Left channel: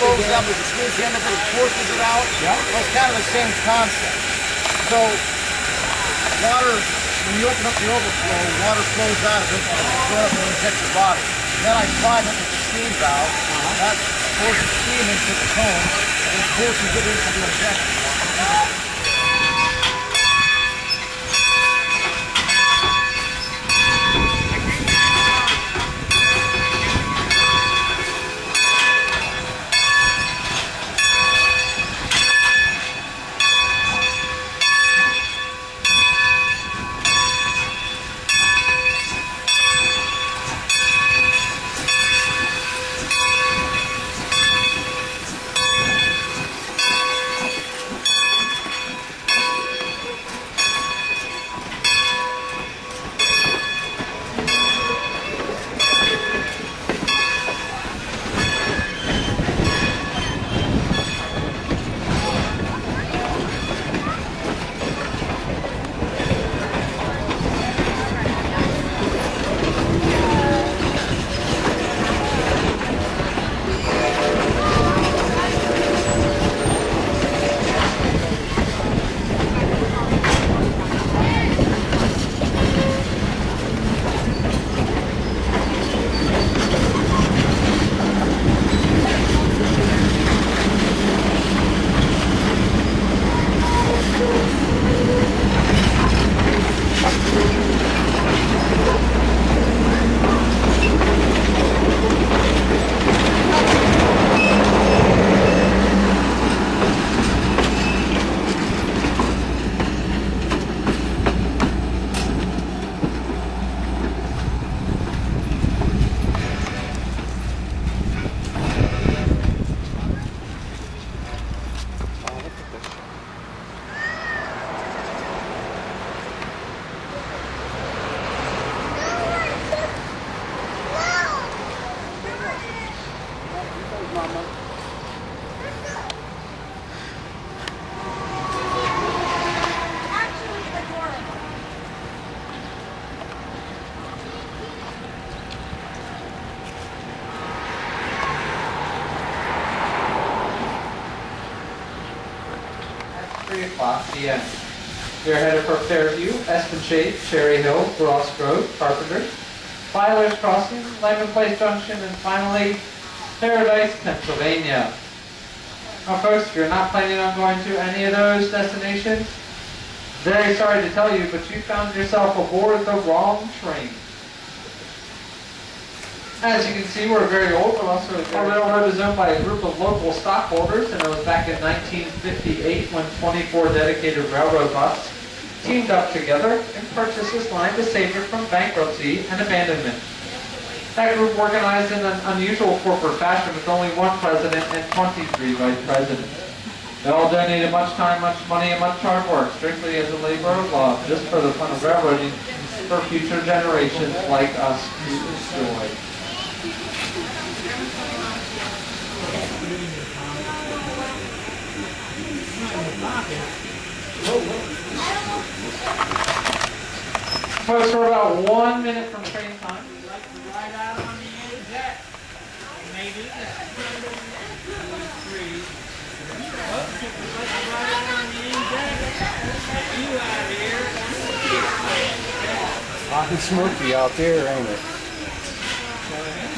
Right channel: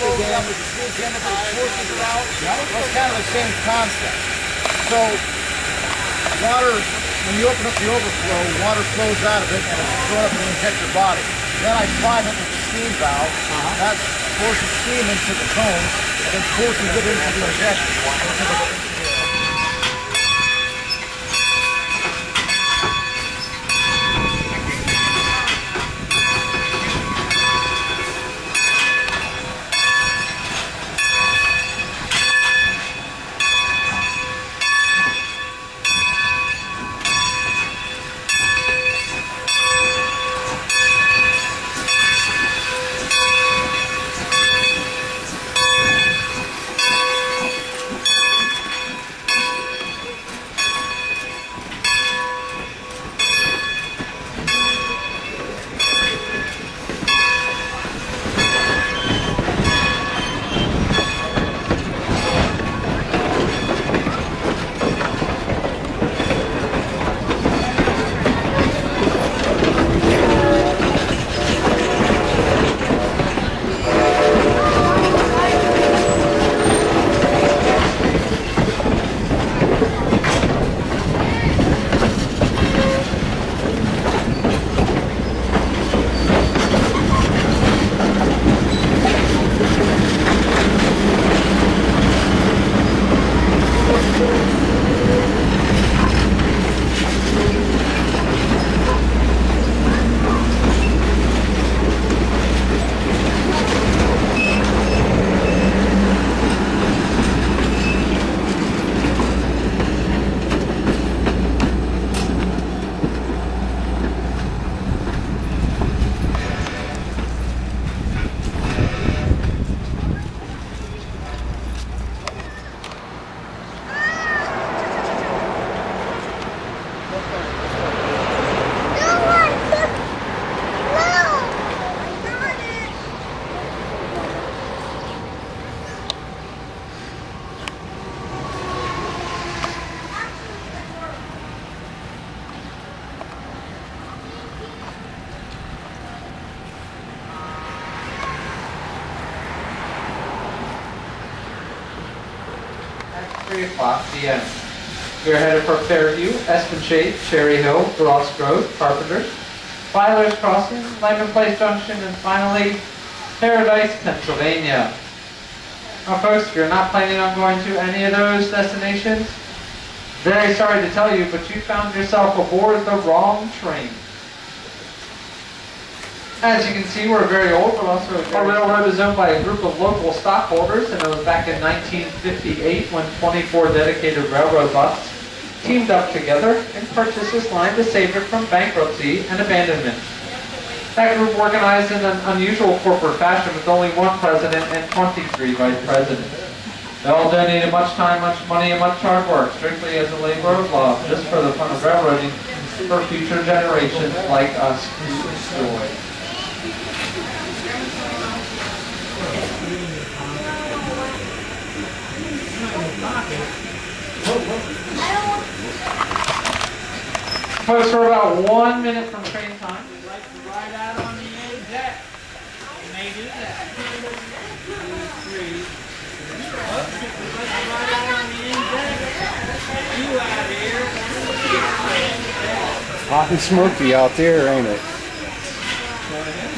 flows up, with the smooth chemical, it forces it out. Yeah. Well, it's kind of the same concept. So, water, when you open up the overflow, water flows out of it and it's thrown up and inject your body. Then I prime it with the steam valve. That forces steam into the cones and then forces it into the injection. p.m. We are headed for Fairview, Espenshade, Cherry Hill, Ross Grove, Carpenter, Filer's Crossing, Lyman Place Junction, and finally, Paradise, Pennsylvania. Now folks, if you're not planning on going to any of those destinations, very sorry to tell you, but you found yourself aboard the wrong train. As you can see, we're very old, but also our railroad is owned by a group of local stockholders, and it was back in 1958 when 24 dedicated railroad buses teamed up together and purchased this line to save it from bankruptcy and abandonment. That group organized in an unusual corporate fashion with only one president and 23 vice presidents. They all donated much time, much money, and much hard work, strictly as a labor of love, just for the fun of railroading for future generations like us who enjoy. Folks, we're about 1 minute from train time. We'd like to ride out on the end deck. You may do that. 2, 3. We'd like to ride out on the end deck. Get you out here. Hot and smoky out there, ain't it? Go ahead.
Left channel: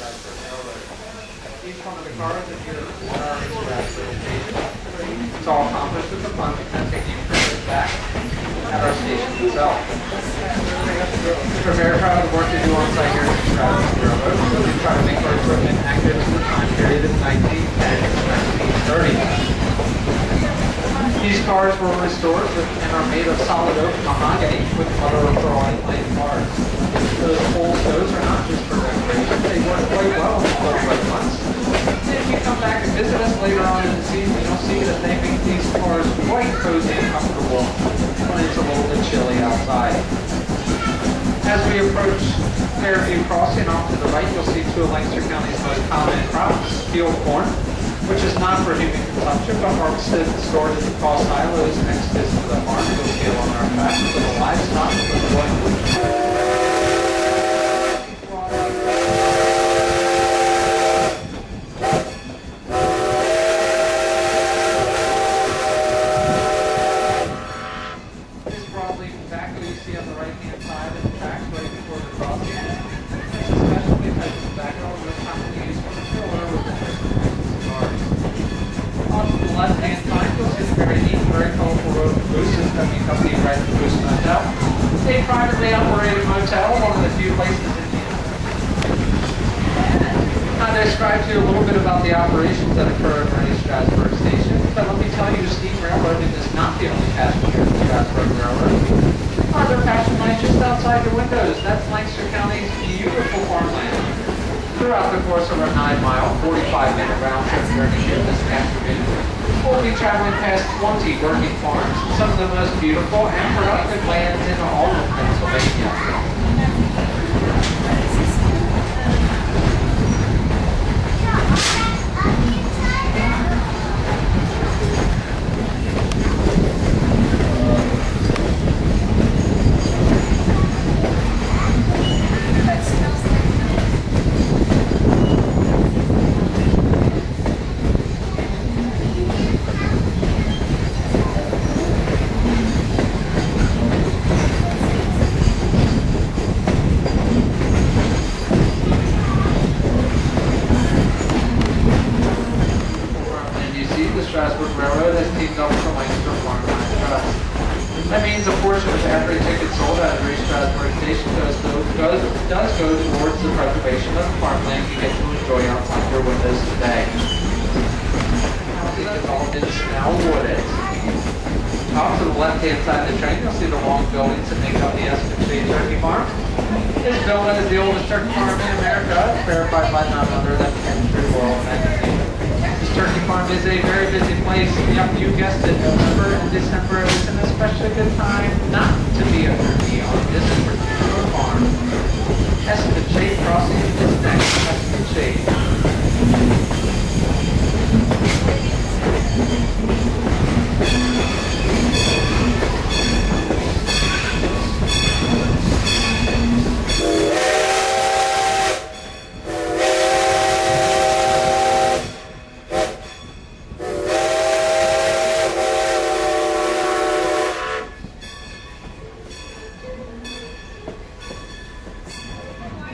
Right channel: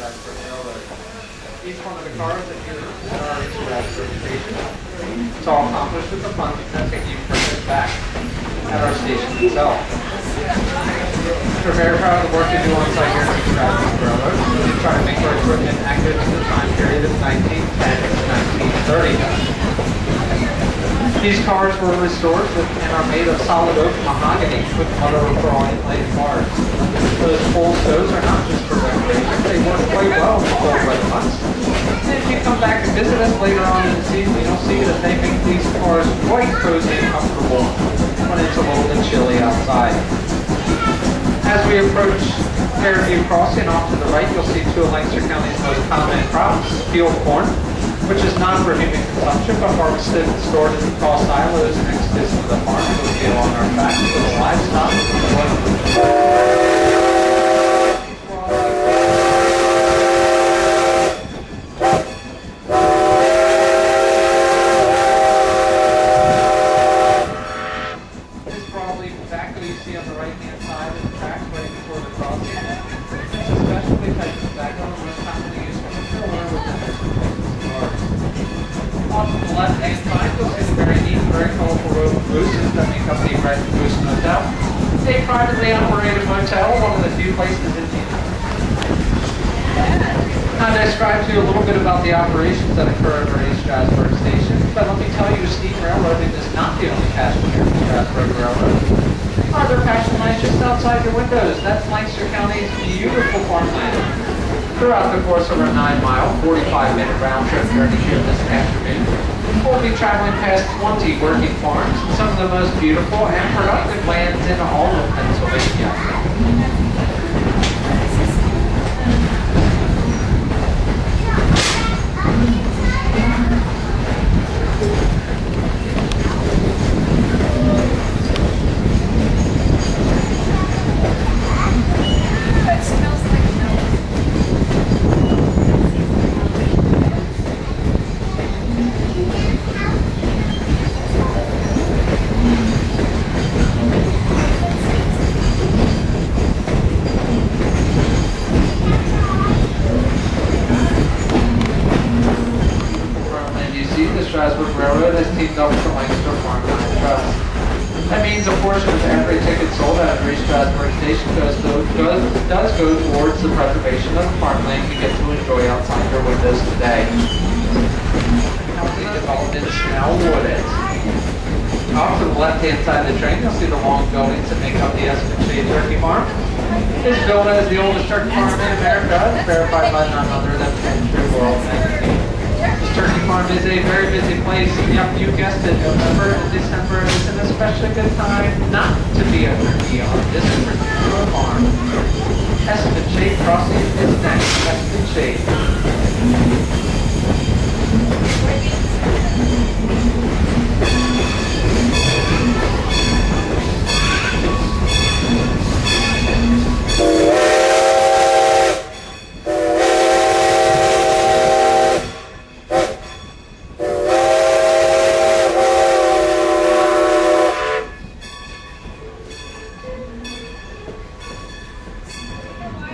Strasburg Railroad. Each one of the cars that here at our East Strasburg station, it's all accomplished with the funds that take you further back at our station itself. We're very proud of the work we do on site here at East Strasburg Railroad. We try to make our equipment accurate to the time period of 1910 to 1930. These cars were restored and are made of solid oak mahogany with mother of pearl inlaid bars. Those pole stoves are not just for recreation, they work quite well in the cold weather months. And if you come back and visit us later on in the season, you'll see that they make these cars quite cozy and comfortable when it's a little bit chilly outside. As we approach Fairview Crossing off to the right, you'll see two of Lancaster County's most common crops, field corn, which is not for human consumption, but harvested and stored in tall silos and exposed to the farm to scale on our tracks for the livestock. This broadleaf tobacco you see on the right-hand side of the tracks right before the crossing. It's a specialty type of tobacco and most commonly used for the filler within this off to the left-hand side, you'll see the very neat, very colorful row of cabooses that make up the Red Caboose Motel. A privately operated motel, one of the few places in the I'll describe to you a little bit about the operations that occur at our East Strasburg station, but let me tell you, steam railroading is not the only passion here at Strasburg Railroad. Other passion lies just outside your windows. That's Lancaster County's beautiful farmland. Throughout the course of our 9-mile, 45-minute round-trip journey here this afternoon, we'll be traveling past 20 working farms and some of the most beautiful and productive lands in all of Pennsylvania. Strasburg Railroad has teamed up with the Lancaster Farmland Trust. That means a portion of every ticket sold at every Strasburg station does go towards the preservation of the farmland you get to enjoy outside your windows today. County development is now wooded. Off to the left-hand side of the train, you'll see the long buildings that make up the Esmond Shade Turkey Farm. This building is the oldest turkey farm in America, verified by none other than True World Magazine. This turkey farm is a very busy place. Yep, you guessed it, November and December is an especially good time not to be a turkey on this particular farm. Esmond Shade Crossing is next. Esmond Shade.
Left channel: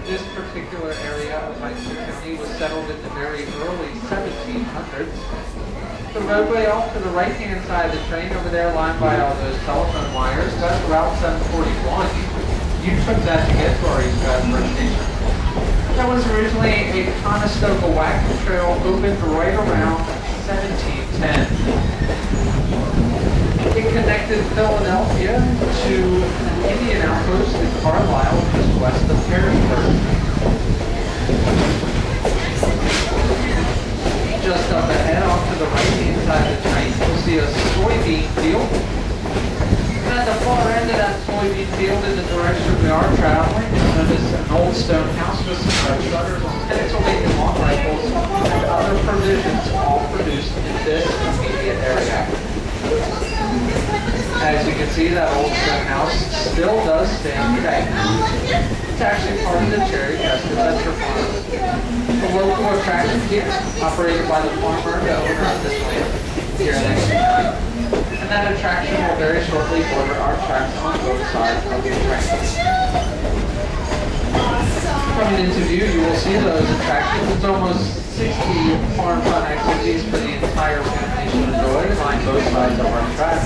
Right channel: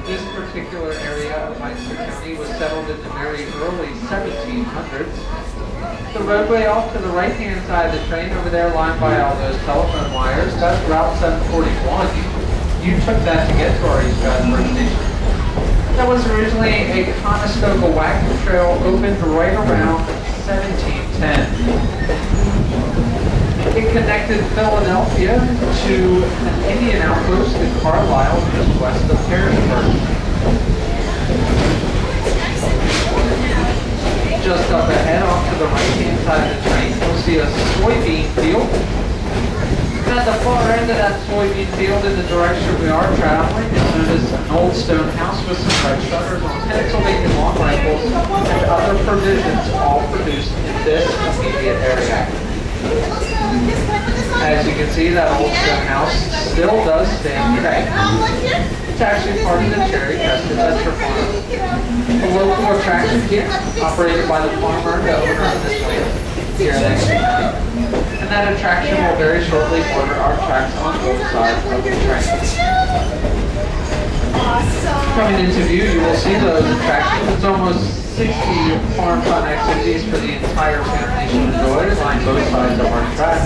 This particular area of Lancaster County was settled in the very early 1700s. The roadway off to the right-hand side of the train over there, lined by all those telephone wires, that's Route 741. You took that to get to our East Strasburg station. That was originally a Conestoga wagon trail opened right around 1710. It connected Philadelphia to an Indian outpost in Carlisle, just west of Harrisburg. Just up ahead, off to the right-hand side of the train, you'll see a soybean field. And at the far end of that soybean field, in the direction we are traveling, you'll notice an old stone house with some red shutters on Pennsylvania long rifles and other provisions, all produced in this immediate area. As you can see, that old stone house still does stand today. It's actually part of the Cherry Crest Adventure Farm, a local attraction here, operated by the farmer and owner of this land here in Lancaster County. And that attraction will very shortly border our tracks on both sides of the train. Coming into view, you will see those attractions. It's almost 60 farm fun activities for the entire family to enjoy on both sides of our track.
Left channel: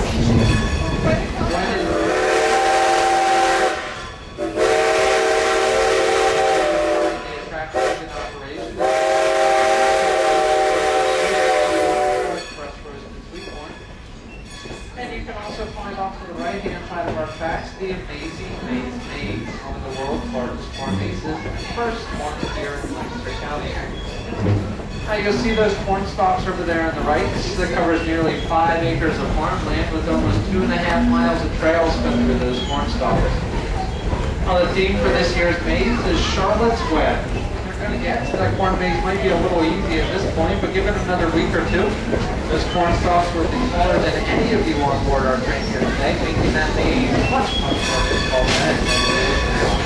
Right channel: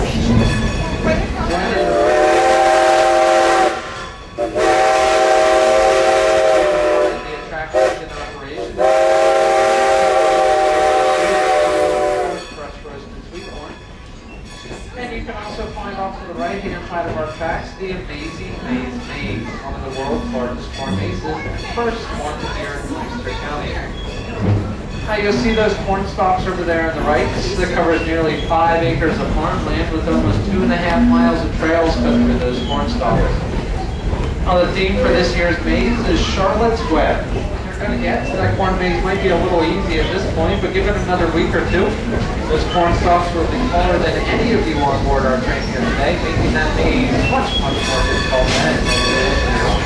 And you can also find off to the right-hand side of our tracks the amazing maze, one of the world's largest corn mazes, and first one here in Lancaster County. Now you'll see those corn stalks over there on the right. This covers nearly 5 acres of farmland with almost 2.5 miles of trails cut through those corn stalks. Now the theme for this year's maze is Charlotte's Web. You're going to get to that corn maze might be a little easy at this point, but give it another week or two, those corn stalks will be taller than any of you on board our train here today, making that maze much more difficult than it is now.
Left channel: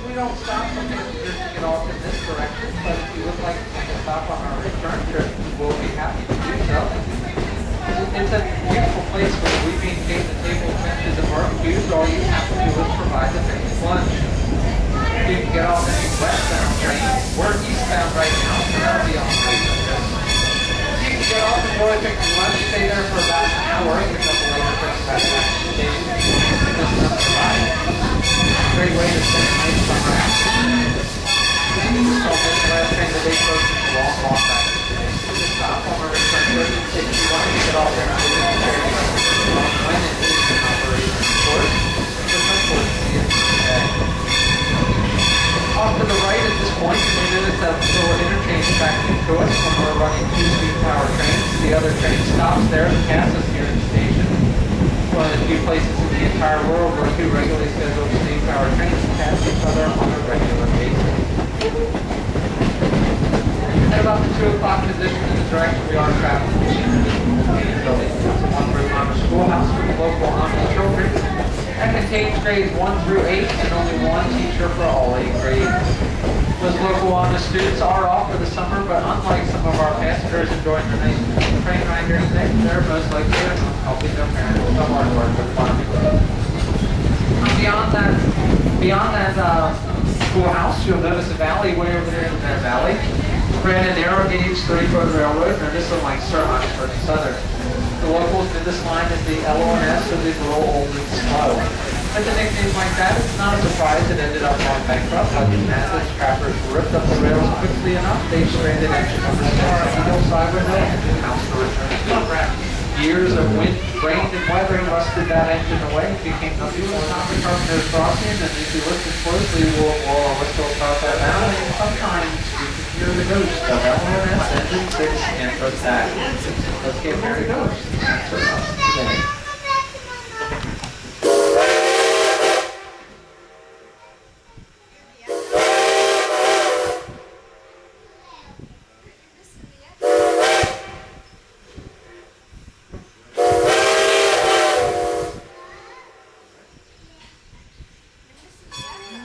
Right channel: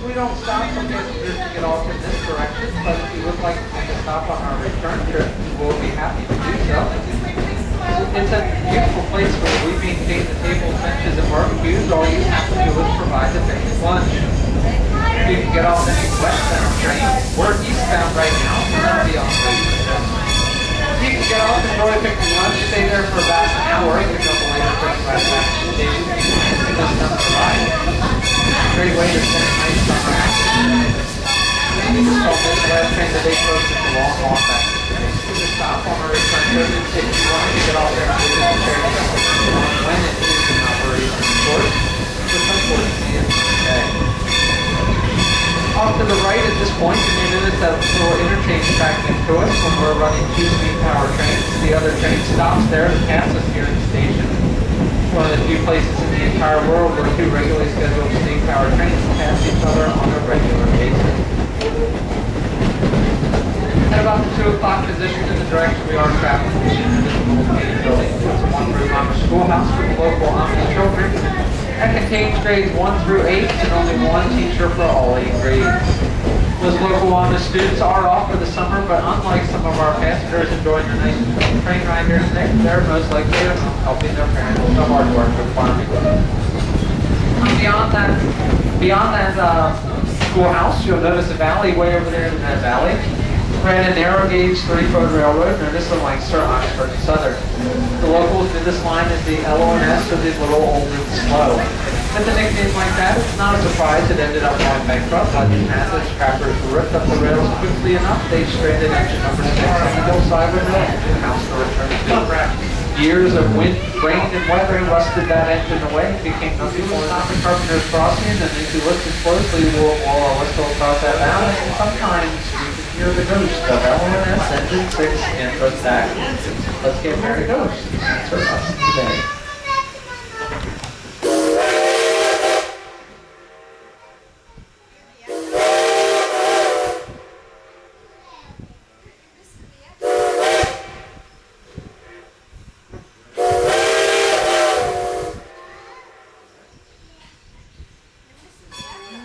We don't stop for passengers to get off in this direction, but if you would like to take a stop on our return trip, we'll be happy to do so. It's a beautiful place where we maintain the tables, benches, and barbecues. All you have to do is provide the basic lunch. You can get off any westbound train. We're eastbound right now, so that'll be on the trip. You can get off, enjoy picking lunch, stay there for about an hour, and pick up a later bring back to the station. It doesn't have to ride. Great way to spend a nice summer afternoon. You just call this the last train today close to the long walk back to the station. You just stop on our return trip if you want to get off there and visit the ferry when it is in operation, of course. Just unfortunately, it's today. Off to the right at this point, you may notice that little interchange track next to us when we're running 2-speed power trains. The other train stops there to pass us here at the station. One of the few places in the entire world where 2 regularly scheduled steam power trains pass each other on a regular basis. At about the 2 o'clock position in the direction we are traveling, we see the visible main building. It's a 1-room Amish schoolhouse for the local Amish children. That contains grades 1 through 8 and only 1 teacher for all 8 grades. Those local Amish students are off for the summer, but unlike some of our passengers enjoying their nice train ride here today, they're most likely at home helping their parents with the hard work of farming. Beyond that schoolhouse, you'll notice a valley way over there in that valley. Ran a narrow gauge 30-foot railroad, known as the Lancaster Oxford Southern. The locals did this line as the LONS, or the Little Old and Slow. With a nickname like that, it's not a surprise it ended up going bankrupt, but as the scrappers ripped up the rails quickly enough, they stranded engine number 6 on the hillside with no engine house to return to. Years of wind, rain, and weather rusted that engine away. It became nothing more than the Carpenter's Crossing, and if you listen closely, we'll whistle across that valley, and sometimes you can hear the ghost of LONS Engine 6 and back. Let's get Mary Ghost to answer us today.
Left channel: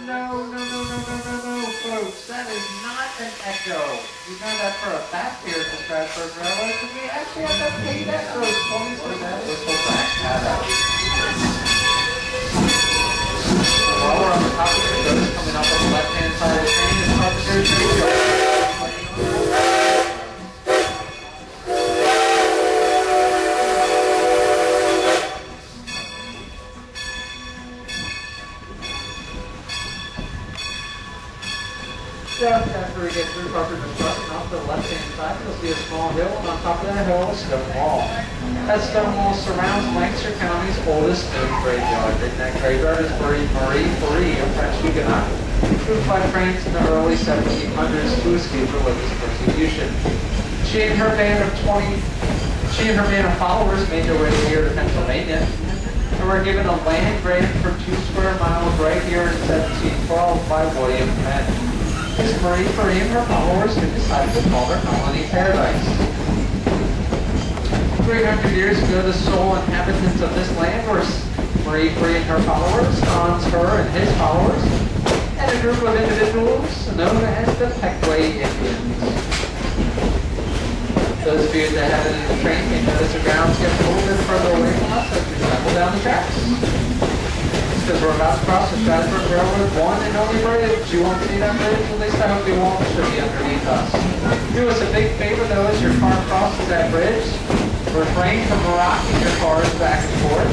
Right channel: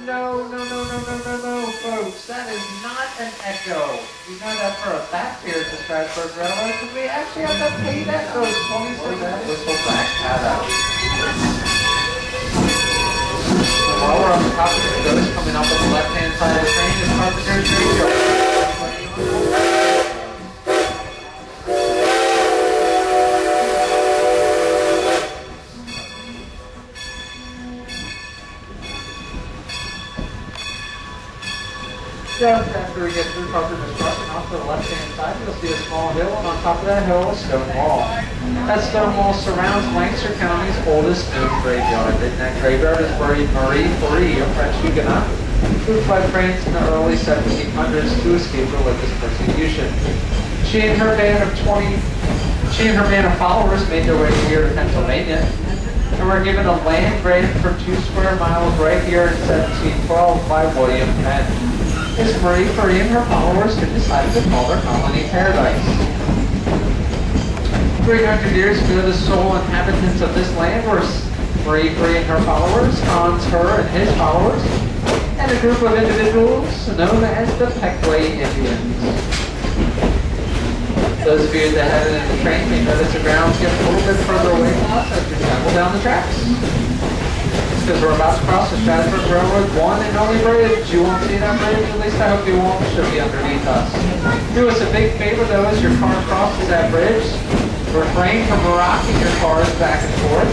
No, folks, that is not an echo. We know that for a fact here at the Strasburg RR, because we actually have to pay that those 20 for that whistle back that up. So while we're on the topic of ghosts, coming up on the left-hand side of the train is Carpenter's Radio. Just after we get through Carpenter's Crossing, off to the left-hand side, you'll see a small hill, and on top of that hill, a stone wall. That stone wall surrounds Lancaster County's oldest known graveyard. In that graveyard is buried Marie Faure, a French Huguenot, who fled France in the early 1700s to escape religious persecution. She and her band of followers made their way here to Pennsylvania, and were given a land grant for 2 square miles right here in 1712 by William Penn. Miss Marie Faure and her followers who decided to call their colony Paradise. 300 years ago, the sole inhabitants of this land were Free and her followers, Hans, her, and his followers, and a group of individuals known as the Pequay Indians. Those of you that have it in the train may notice the ground's getting a little bit further away from us as we travel down the tracks. It's because we're about to cross the Strasburg Railroad, one and only bridge. You won't see that bridge, at least I hope you won't. It should be underneath us. Do us a big favor though as your car crosses that bridge. Refrain from rocking your cars back and forth,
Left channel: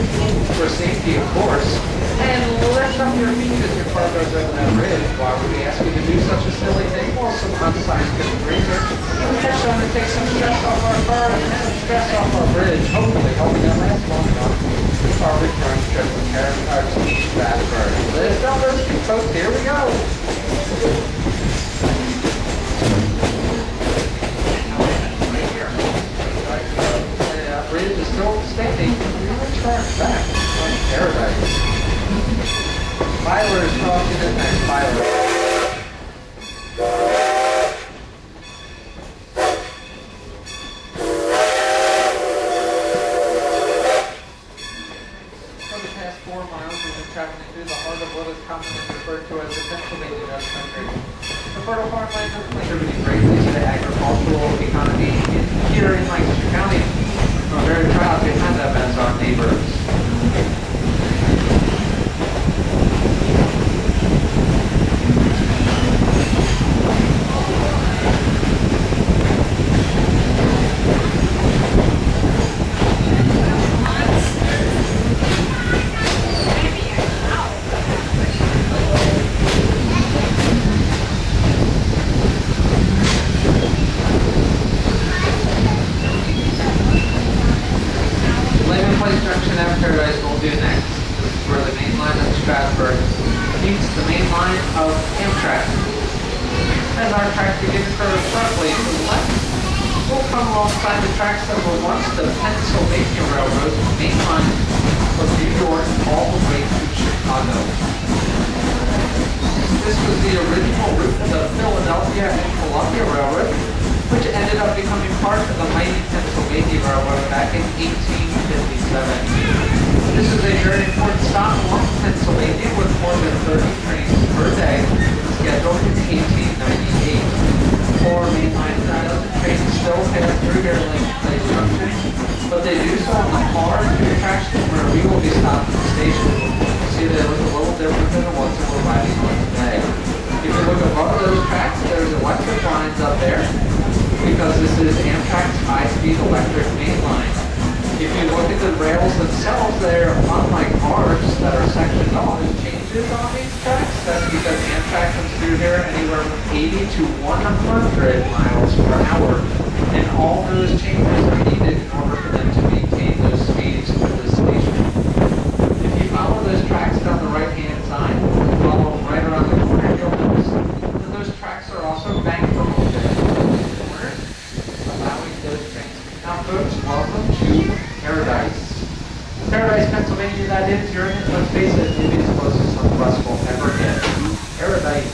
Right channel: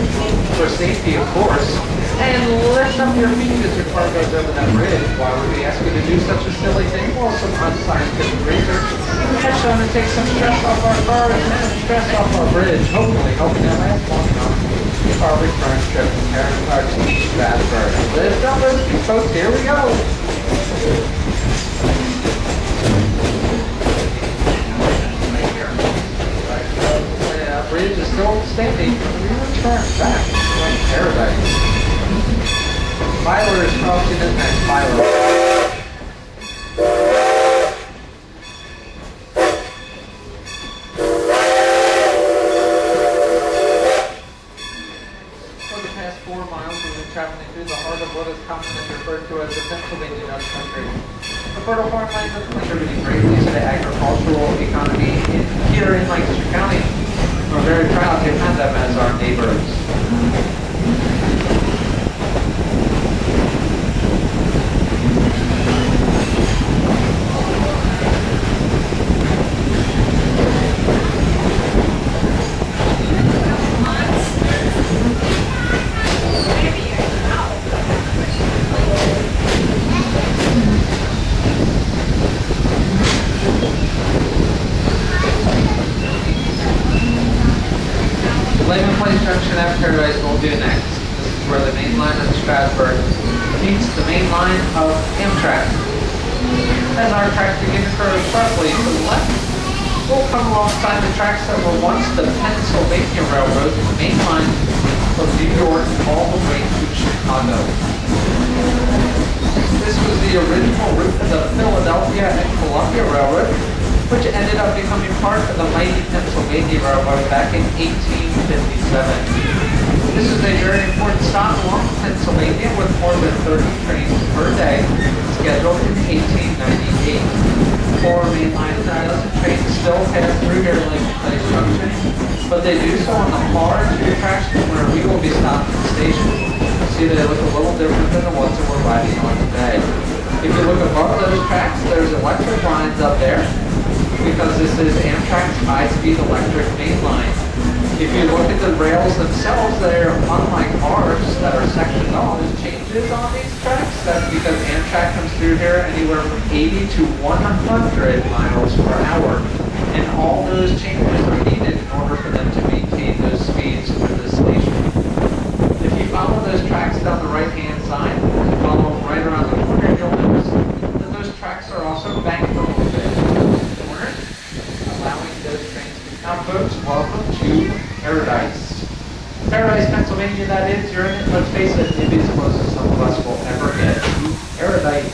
for safety of course, and lift up your feet as your car goes over that bridge. Why would we ask you to do such a silly thing? Well, some unscientific research has shown to take some stress off our cars and stress off our bridge, hopefully helping it last long enough for our return trip from Harrisburg to Strasburg. Lift up those feet, folks, here we go. Bridge is still standing. We return back to paradise. Miler is crossing in next. Miler. For the past 4 miles, we've been traveling through the heart of what is commonly referred to as the Pennsylvania Dutch Country. The fertile farmland is contributing greatly to the agricultural economy here in Lancaster County. We're very proud to have them as our neighbors. Layman Place Junction at Paradise will do next. This is where the main line of Strasburg meets the main line of Amtrak. As our tracks begin to curve sharply to the left, we'll come alongside the tracks that were once the Pennsylvania Railroad main line from New York all the way to Chicago. This was the original route of the Philadelphia and Columbia Railroad, which ended up becoming part of the mighty Pennsylvania Railroad back in 1857. This is a very important stop along Pennsylvania with more than 30 trains per day scheduled in 1898. 4 mainline styles and trains still pass through here at Layman Place Junction, but they do so on the far end of the attraction where we will be stopped at the station. See, they look a little different than the ones that we're riding on today. If you look above those tracks, there's electric lines up there, because this is Amtrak's high-speed electric main line. If you look at the rails themselves, they're unlike ours that are sectioned off. There's changes on these tracks. That's because Amtrak comes through here anywhere from 80 to 100 miles per hour. And all those changes are needed in order for them to maintain those speeds with the station. If you follow those tracks down the right-hand side, follow them right around the corner, you'll notice that those tracks are also banked a little bit. Allowing those trains to come. Now folks, welcome to Paradise. Paradise, Pennsylvania, that is. You're in it, let's face it, maybe as close as some of us will ever get to Paradise.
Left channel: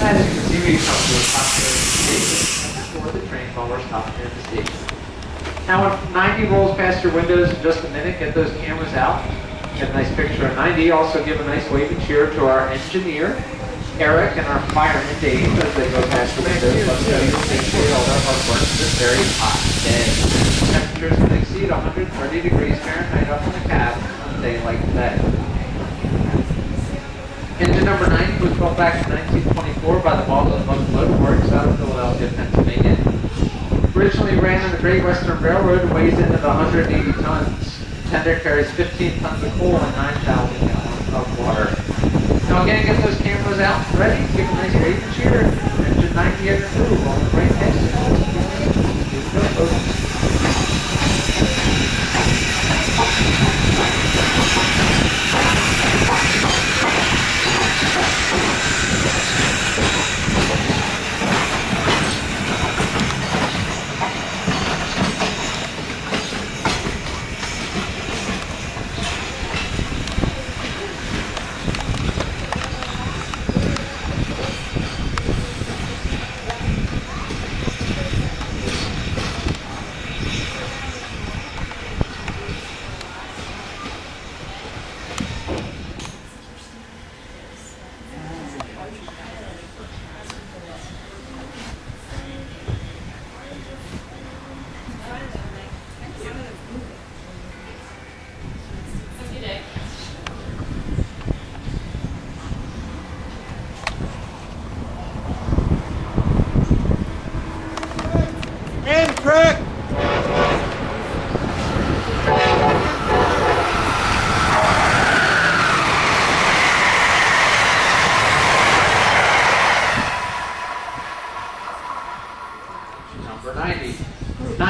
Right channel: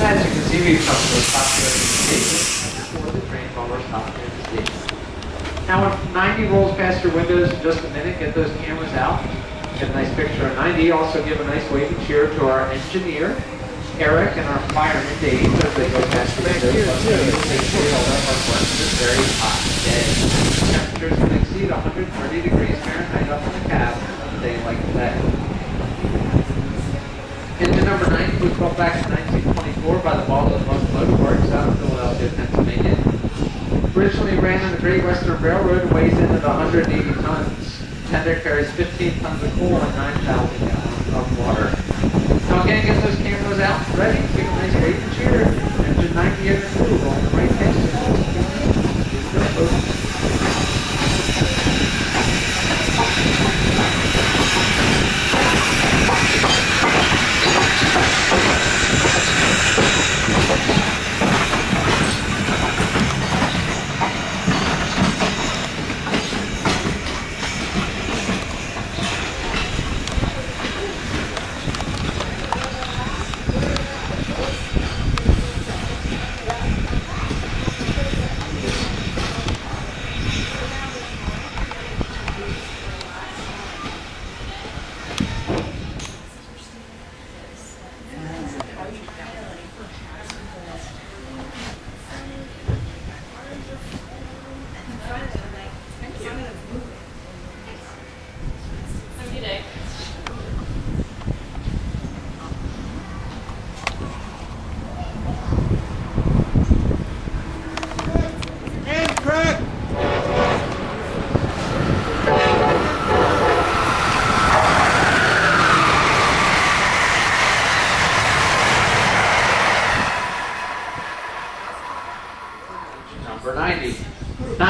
As you can see, we've come to a stop here in the station before the train while we're stopping in the station. Now when 90 rolls past your windows in just a minute, get those cameras out. Get a nice picture of 90. Also give a nice waving cheer to our engineer, Eric, and our fireman, Dave, as they go past the windows. Let's show you safely all their hard work this very hot day. Temperatures can exceed 130 degrees Fahrenheit up in the cab on a day like today. Engine number 90 was built back in 1924 by the Baldwin Locomotive Works out of Philadelphia, Pennsylvania. Originally ran on the Great Western Railroad and weighs in at 180 tons. Tender carries 15 tons of coal and 9,000 gallons of water. Now again, get those cameras out, ready, give a nice wave and cheer. Engine 90 in the crew, rolling right past you. Here we go, folks.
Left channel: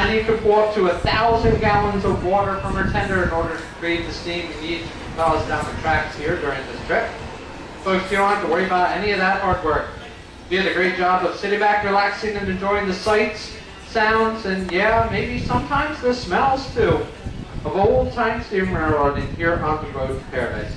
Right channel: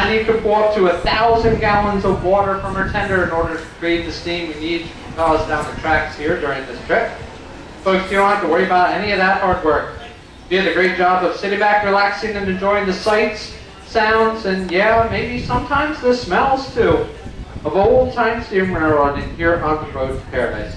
And you can pull up to 1,000 gallons of water from our tender in order to create the steam you need to propel us down the tracks here during this trip. Folks, you don't have to worry about any of that hard work. You did a great job of sitting back, relaxing, and enjoying the sights, sounds, and yeah, maybe sometimes the smells too, of old-time steam railroading here on the road to paradise.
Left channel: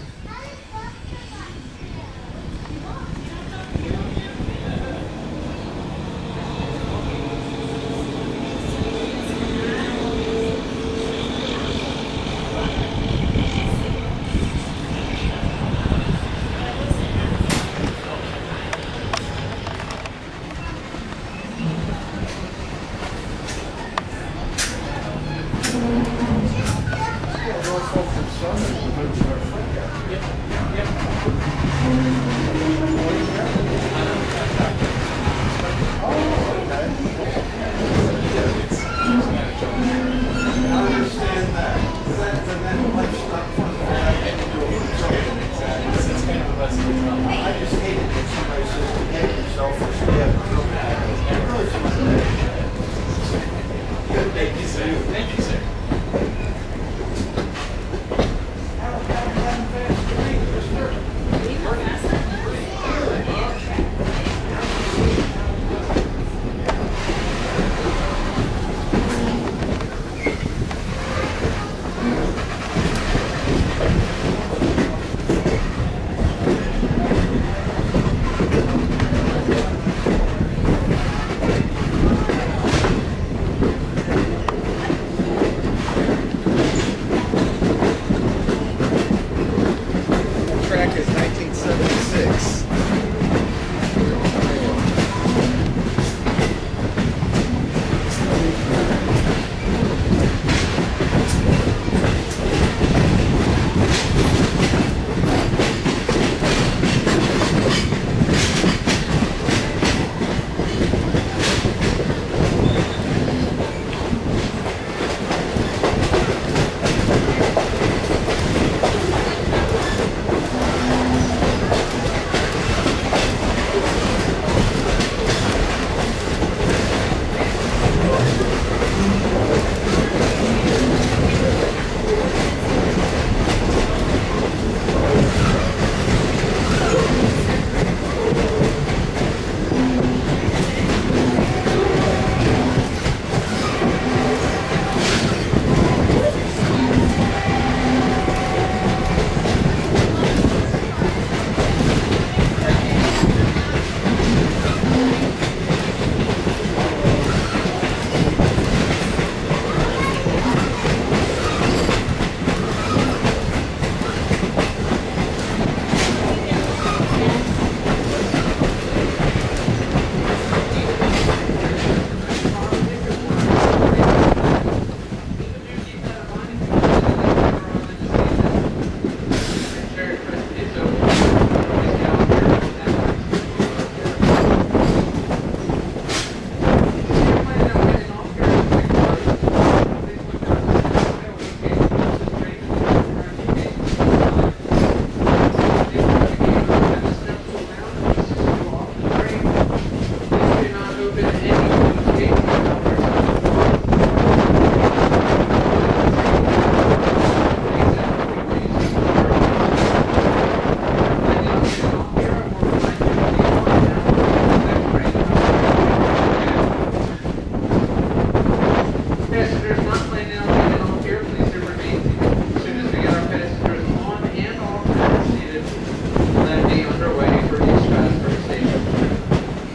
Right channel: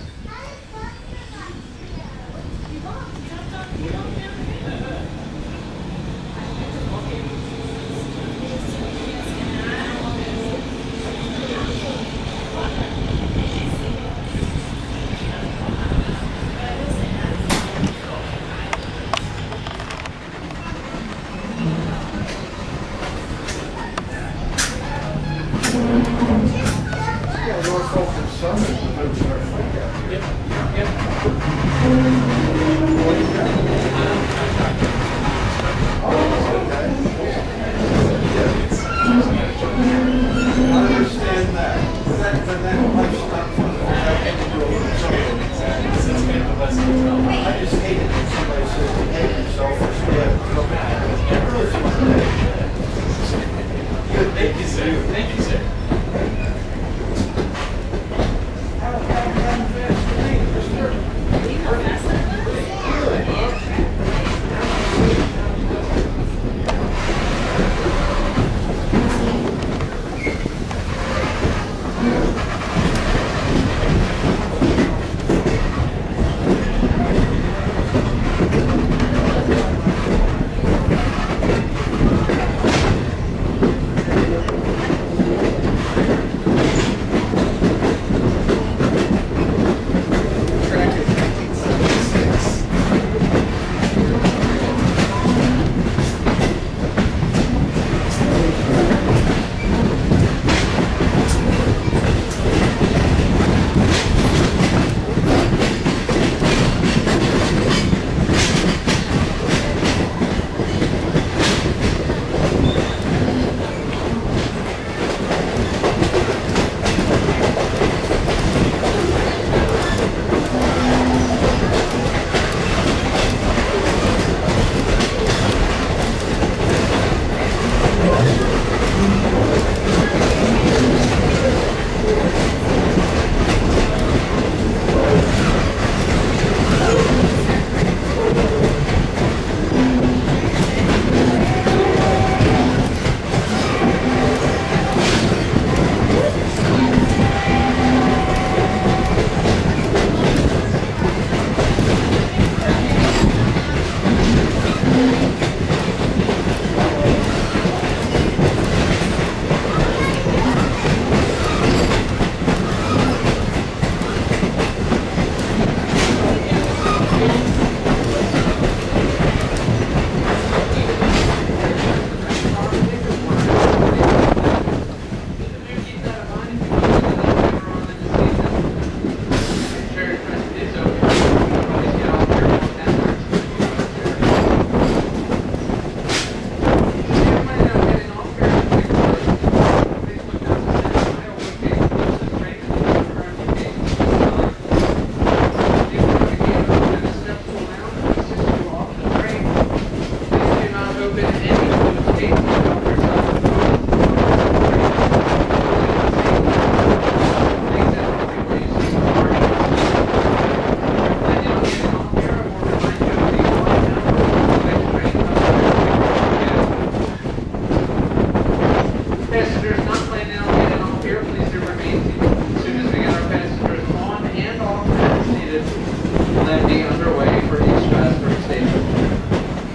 Landing underway for East Strasburg Station.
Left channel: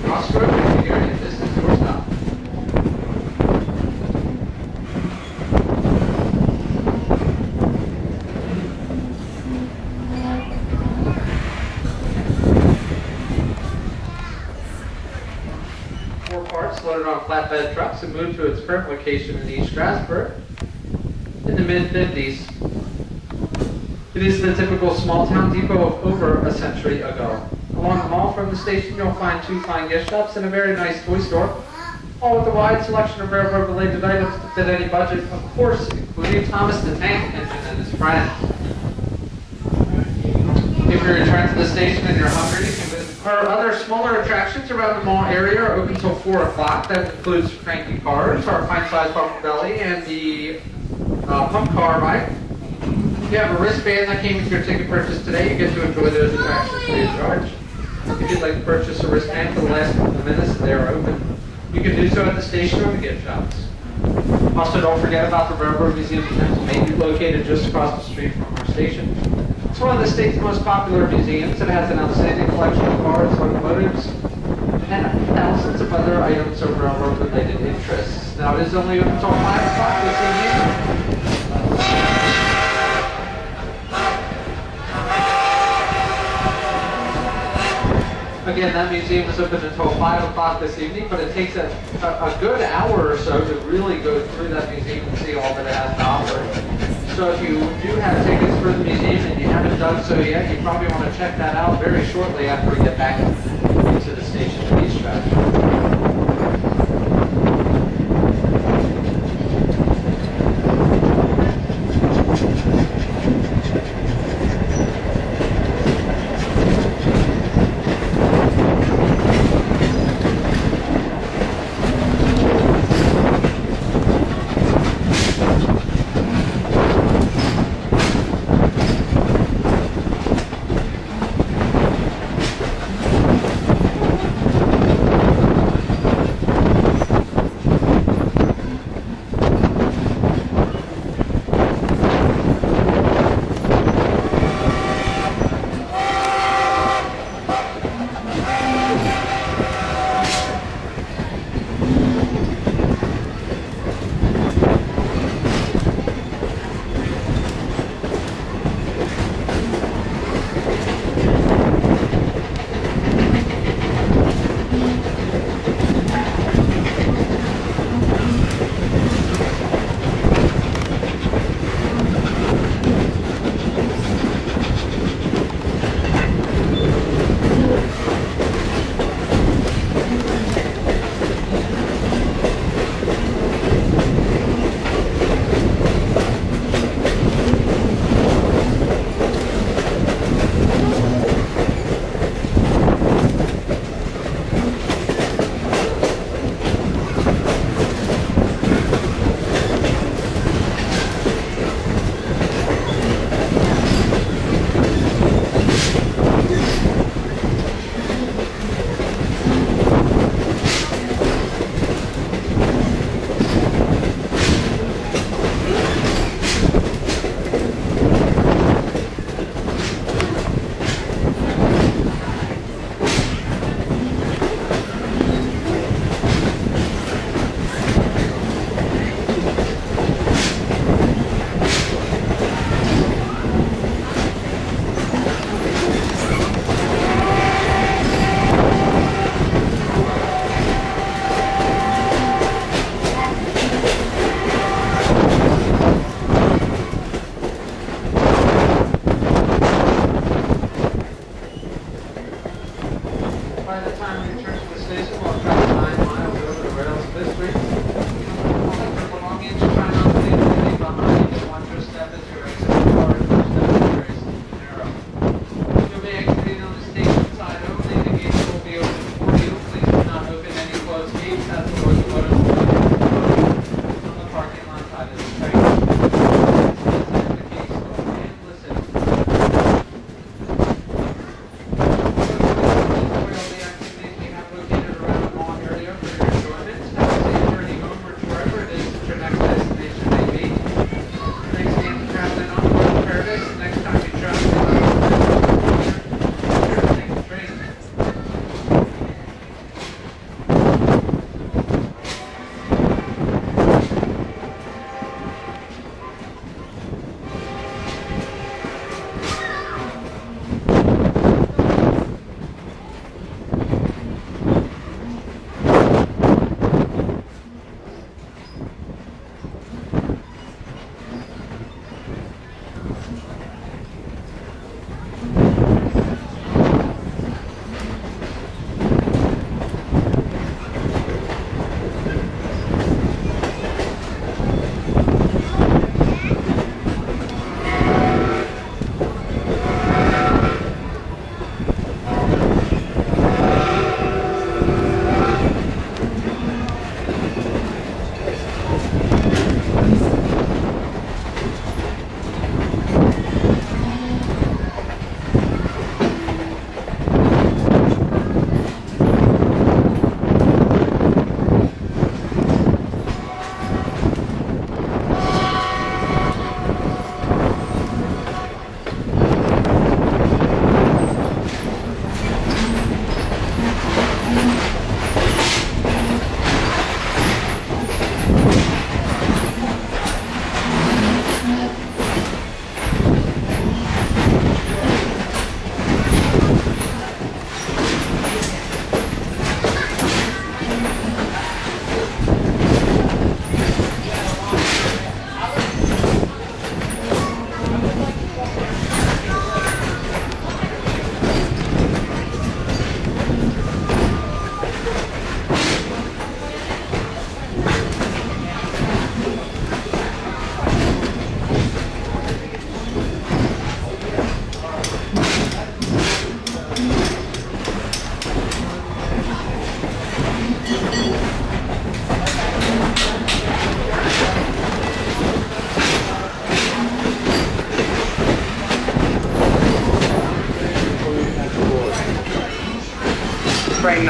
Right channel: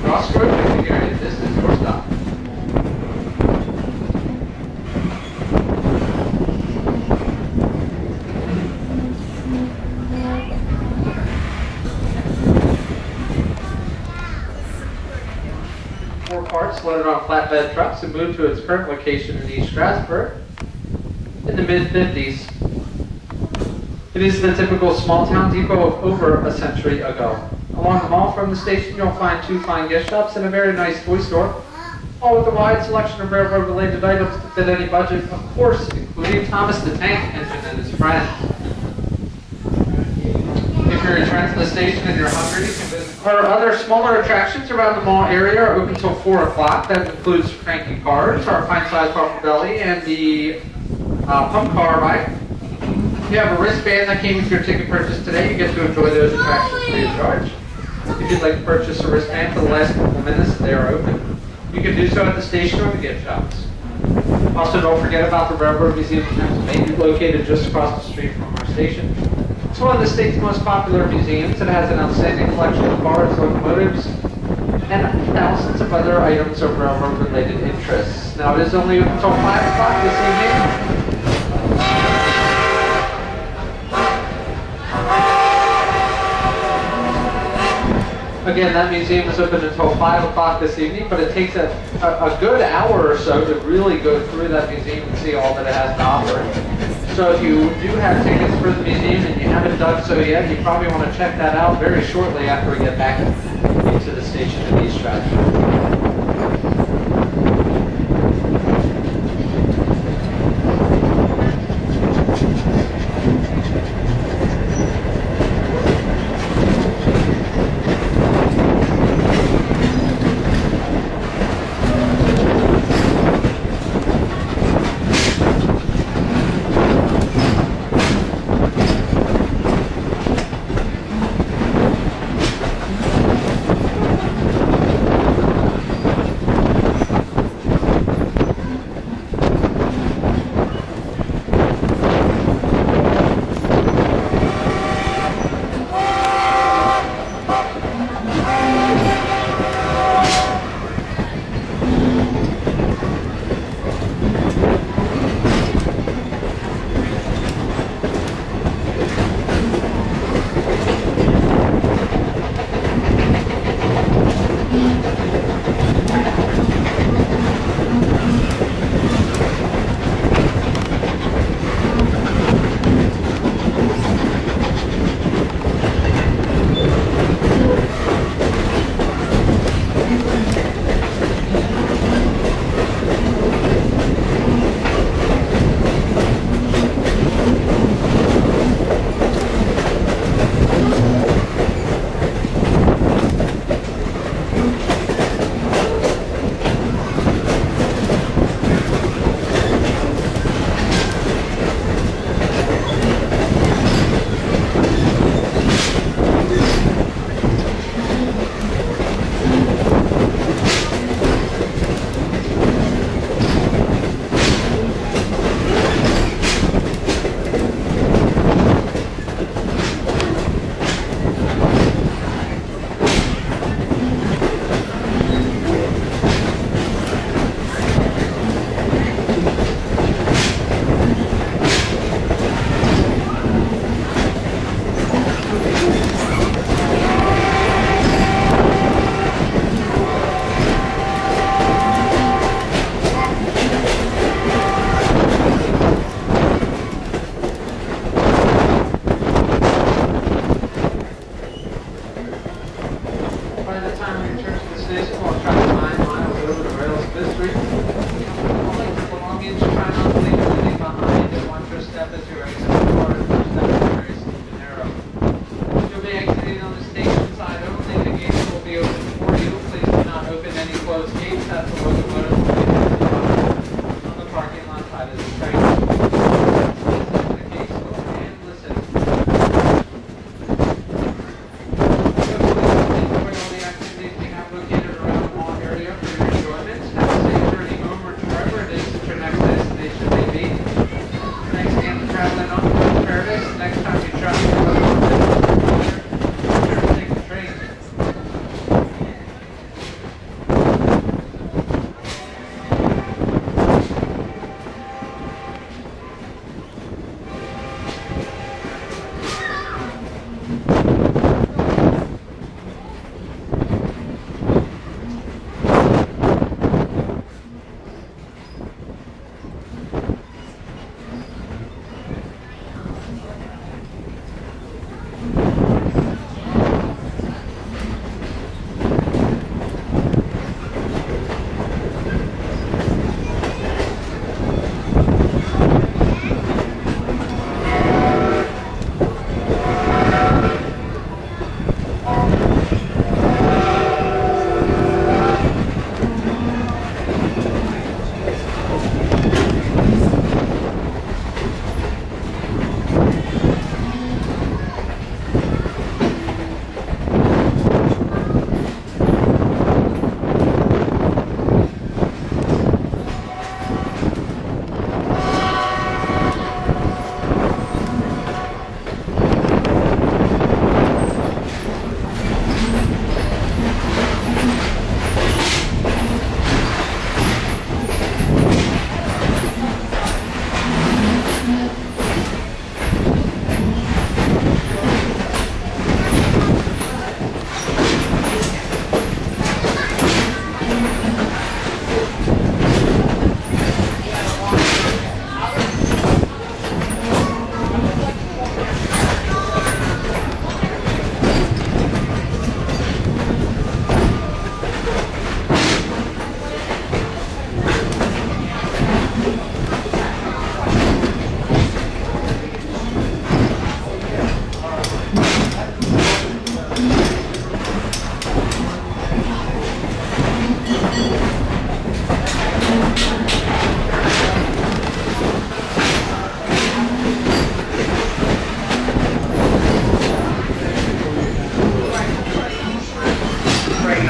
Crossroad picnic area, this is your stop. 4 parts loaded on flatbed trucks and moved to its current location in East Strasburg in the mid-50s. It is the typical small-town depot of over a century ago. Along the mall from the station, you'll find 2 fine gift shops and a very nice toy store, all with a wide selection of railroad-related items to fit any budget, of course, including Thomas the Tank Engine and his friends. If you return to the station and you're hungry, you can visit Our other smaller attractions around the mall area are open till 4 o'clock. That includes Cranky Cars, our pint-sized bumper belly, and the pump car ride. If you have a wristband that came with your ticket purchase today, you get to enjoy those attractions free of charge. If you'd like to purchase a wristband for the last couple of minutes, they are open. You can do so at the station or the gift shops. Also, don't forget about the Railroad Museum of Pennsylvania, located just across the street from our station. It's one of the state's most popular museums. It has an outstanding collection of cars, locomotives, and thousands of other items of railroad-related interests. Now, it is only open until 5 o'clock this evening. Again, that museum is open until 5 o'clock this evening, but it takes a good hour or so to really go through that museum and see all that it has to offer. So if you do have tickets for the museum and you haven't done so yet, you probably want to check that out very shortly after we get back into the station in East Stratford.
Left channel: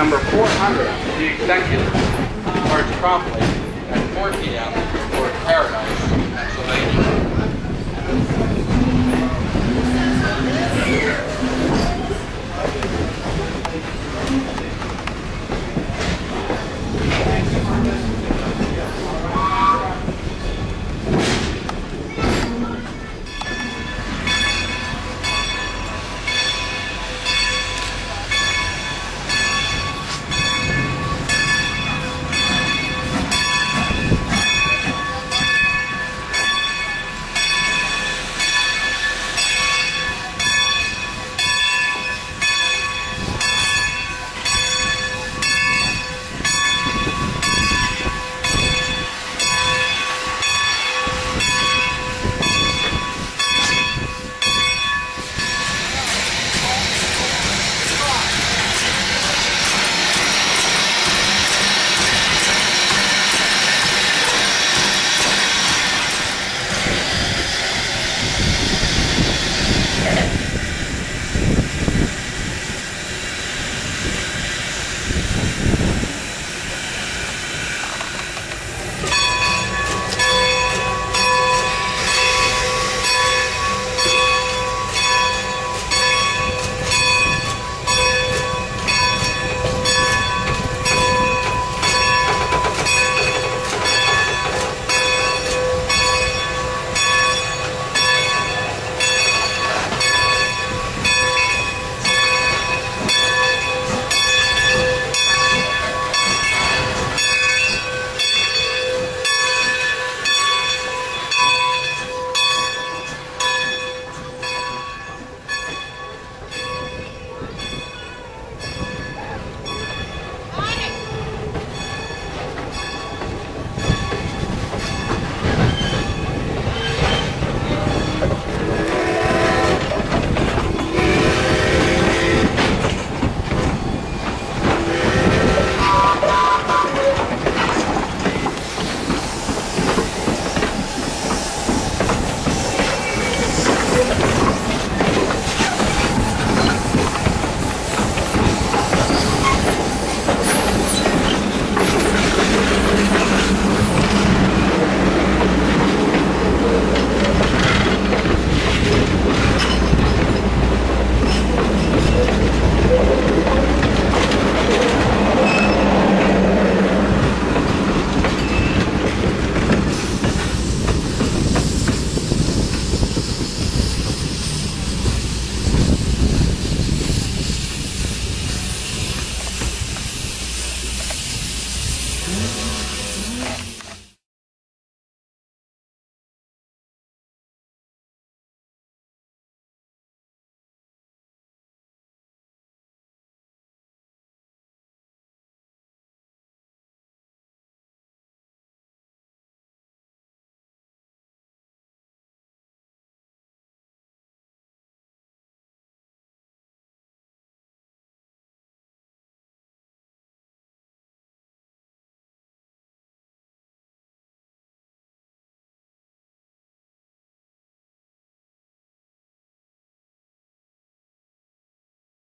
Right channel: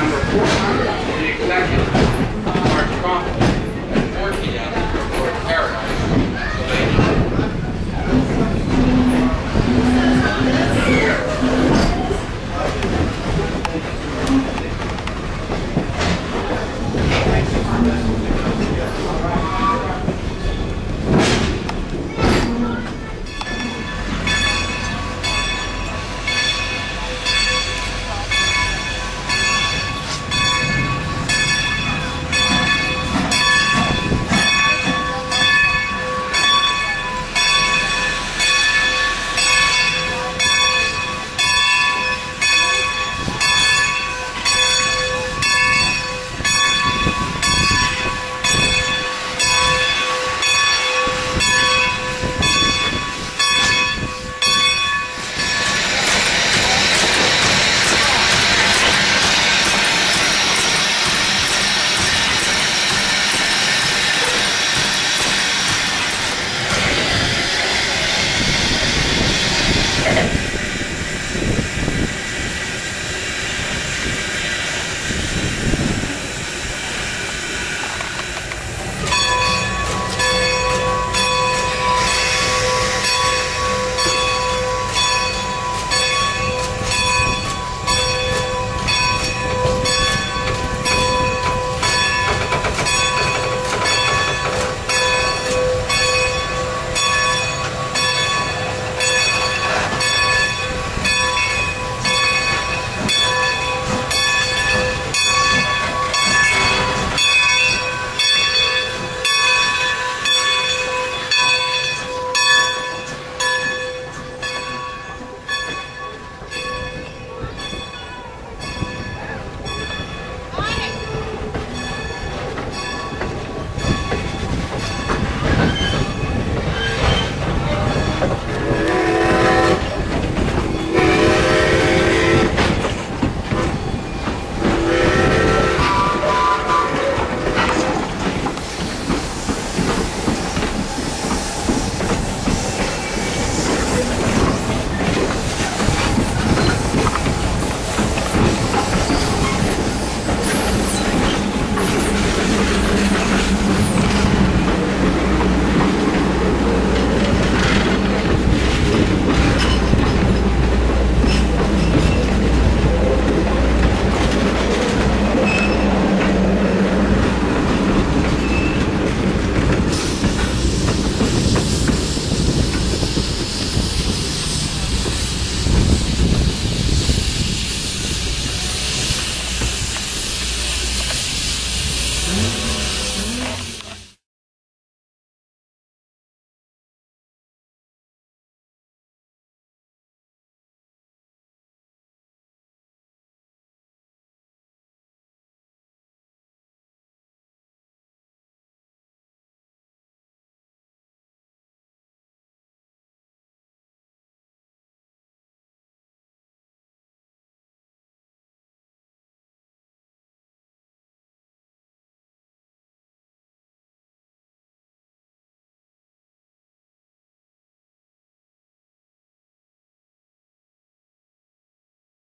number 4.